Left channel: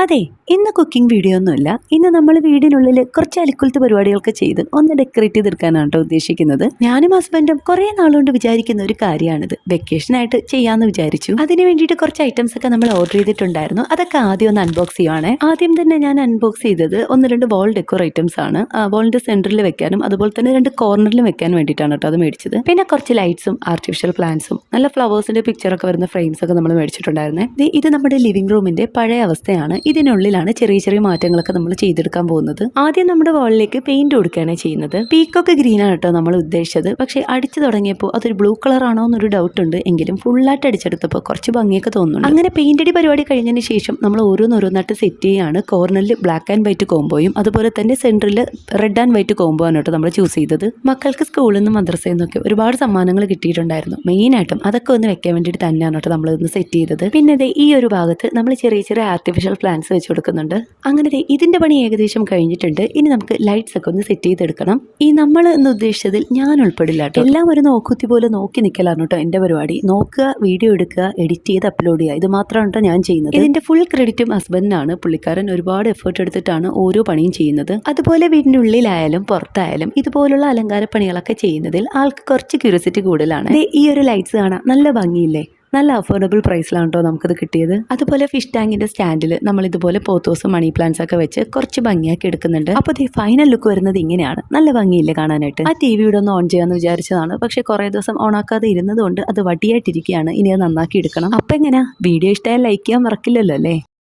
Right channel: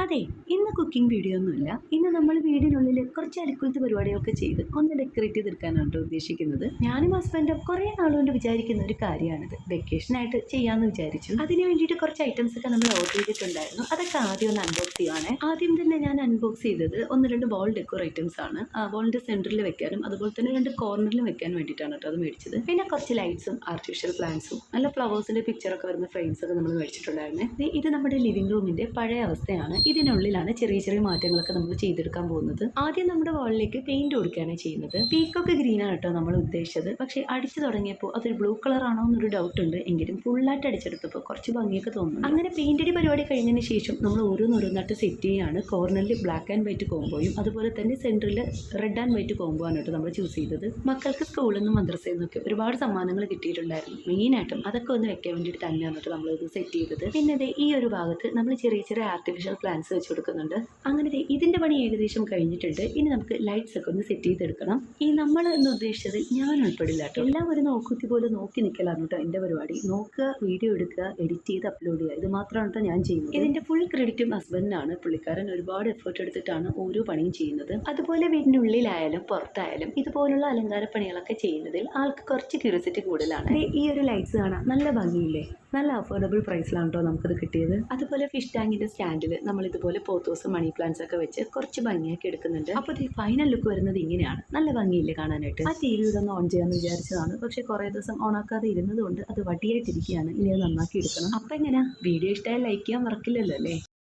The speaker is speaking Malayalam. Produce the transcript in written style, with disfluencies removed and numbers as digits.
അതെ, ഇന്ന് കുക്കിംഗ് വീഡിയോ ഒന്നുമില്ല. ഇന്ന് നമ്മൾ വീടിനുള്ളിൽ കുറച്ച് അലിക്കുലത്ത് പരിപാടികളൊക്കെ ചെയ്ത് ഒന്ന് ഡെക്കറേറ്റ് ചെയ്തെടുക്കാനാണ് കേട്ടോ ഉദ്ദേശിക്കുന്നത്. ഞാനും ഹസ്ബൻഡും കുറേ നാളുകൊണ്ട് വിചാരിക്കുന്ന ഒരു കാര്യമാണിത്. വെക്കേഷനായിട്ട് ചെയ്യാമെന്ന് വിചാരിച്ചു. അതിന് വേണ്ടിയിട്ട് കുറച്ച് ഐറ്റംസ് ഒക്കെ നമ്മൾ ഓർഡർ ചെയ്തിട്ടുണ്ടായിരുന്നു. അതൊക്കെ ആദ്യം ഒന്ന് അൺബോക്സ് ചെയ്യുവാണ്. ആദ്യം തന്നെ ഞാൻ അൺബോക്സ് ചെയ്തത് ഒന്ന് രണ്ട് വാൾ ഡെക്കോർ ഐറ്റംസ് ആണ്. വാളിന്റെ സെന്ററിൽ വെക്കാനും അതുപോലെ തന്നെ രണ്ട് കോർണറിലും വെക്കാൻ വേണ്ടിയിട്ടാണ് കേട്ടോ അത് മേടിച്ചത്. പിന്നെ കുറച്ച് ലൈറ്റ്സും ആർട്ടിഫിഷ്യൽ പ്ലാന്റ്സും നല്ല ഫ്ലവേഴ്സിന്റെ പിക്ചറൊക്കെ വരുന്ന ഫ്രെയിംസ് ഒക്കെ നമ്മൾ മേടിച്ചിട്ടുണ്ടായിരുന്നേ. ഇത് നമ്മുടെ ലിവിംഗ് റൂമിന്റെ പഴയ അവസ്ഥയാണ്. ഇതിനുള്ളിലാണ് ചെറിയ ചെറിയ മാറ്റങ്ങളൊക്കെ നമ്മൾ ചെയ്തെടുക്കാൻ പോകുന്നത്. ആദ്യം നമ്മുടെ വാളിലേക്ക് പെയിന്റ് കൊടുക്കുകയാണ് ചെയ്യുന്നത്. പീക്കൊക്കെ ഗ്രീൻ ആണ് കേട്ടോ നമ്മൾ ഉദ്ദേശിച്ചത്. പക്ഷെ അടിച്ചു തുടങ്ങിയപ്പോൾ അതൊരു ബ്ലൂ കളർ ആണോ എന്നൊരു ഡൗട്ട് ഉണ്ട്. എങ്കിലും ഫുള്ളായിട്ട് അടിച്ചെടുത്തപ്പോൾ കുറച്ച് ഭംഗിയൊക്കെ തോന്നുന്നു. അങ്ങനെ പെയിന്റ് അടി പരിപാടി കഴിഞ്ഞതിന് ശേഷം നമ്മൾ ഓരോന്നോരോന്നായിട്ട് സെറ്റ് ചെയ്യുകയാണ്. കോർണറിൽ ബ്ലാക്ക് ആൻഡ് വൈറ്റ് കോംബോയും അതുപോലെ തന്നെ സെന്ററിൽ റെഡ് ആൻഡ് വൈറ്റ് കോംബോ ആണ് കേട്ടോ നമ്മൾ ചൂസ് ചെയ്തത്. മക്കൾക്ക് സ്കൂളിൽ നിന്നും മദ്രസയിൽ നിന്നൊക്കെ ഒരുപാട് സമ്മാനങ്ങൾ കിട്ടിയിട്ടുണ്ടായിരുന്നു. മെയിനായിട്ടും അതൊക്കെ ഒന്ന് വെക്കാൻ വേണ്ടിയിട്ട് തന്നെയാണ് കേട്ടോ നമ്മളൊന്ന് സെറ്റ് ചെയ്തത്. പിന്നെ ഈ ഒരു ഭാഗത്ത് നമ്മൾ ചെറിയ ചെറിയ ആർട്ടിഫിഷ്യൽ പ്ലാന്റ്സ് വെച്ച് കൊടുക്കുന്നുണ്ട്. അങ്ങനെ ഇതിന്റെ പണി ഏകദേശം കഴിഞ്ഞിട്ടുണ്ട്. ഇനി നമുക്ക് ലൈറ്റ്സ് ഒക്കെ ഒന്ന് സെറ്റ് ചെയ്തെടുക്കണം. ഈ നമ്മൾ എന്ന് ഉദ്ദേശിച്ചതിൽ ഞാൻ ഉൾപ്പെടില്ല കേട്ടോ. എല്ലാം ഒരു നോക്കുത്തി പോലെ നോക്കി നിൽക്കലാണ് കേട്ടോ എൻ്റെ പരിപാടി. നോക്കുക, വീഡിയോ എടുക്കുക, എഡിറ്റ് ചെയ്ത് അപ്ലോഡ് ചെയ്യുക, ഇത് മാത്രമാണ് കേട്ടോ ഞാൻ ചെയ്യുന്നത്. ഇതിന്റെ ഫുൾ ക്രെഡിറ്റും ഹസ്ബൻഡിനാണ്. പുള്ളിക്കാരൻ ഒരുപാട് എഫേർട്ട് എടുത്തിട്ടാണ് ഓരോ പണിയും ചെയ്യുന്നത്. അതുപോലെ വീടിന്റെ ഉള്ളിലായാലും പുറത്തായാലും ഇതുപോലുള്ള അലങ്കാര പണികളൊക്കെ ചെയ്യുന്നതിൽ ആൾക്ക് കുറച്ച് ക്യൂരിയോസിറ്റി കൂടുതലാണ്. ഈ ഒരു ലൈറ്റ്സ് കാണാൻ നല്ല ഭംഗിയില്ലേ? നല്ല അഫോർഡബിൾ പ്രൈസിലാണ് കേട്ടോ നമുക്കത് കിട്ടിയത്. അതുപോലെ ഫിഷ് ടാങ്കിന്റെ സ്റ്റാൻഡിൽ നമ്മൾ ഇതുപോലെ പോത്തോസും മണി പ്ലാന്റ്സ് ഒക്കെ വെച്ച് കുറച്ച് ഭംഗിയാക്കി എടുക്കുന്നുണ്ട്. അപ്പോൾ ഈ ഫൈനൽ ലുക്ക് വരുന്നത് ഇങ്ങനെയാണ്. നല്ല ഭംഗിയില്ലേ കാണാനായിട്ട്? ആ TV ഇവിടെ ഒന്ന് ഓൺ ചെയ്യാമെന്ന് വിചാരിച്ചതാണ്. പക്ഷേ കുറേ ദിവസം ഓൺ ആക്കാതെ ഇരുന്നതുകൊണ്ട് അത് വടിയായിട്ടിരിക്കുകയാണ്. ഇനി അത് നന്നാക്കി എടുക്കണം. അപ്പം എങ്ങനെയാ? വീഡിയോ ഇഷ്ടമായാൽ ലൈക്ക് ചെയ്യാൻ മറക്കില്ലല്ലോ അല്ലേ?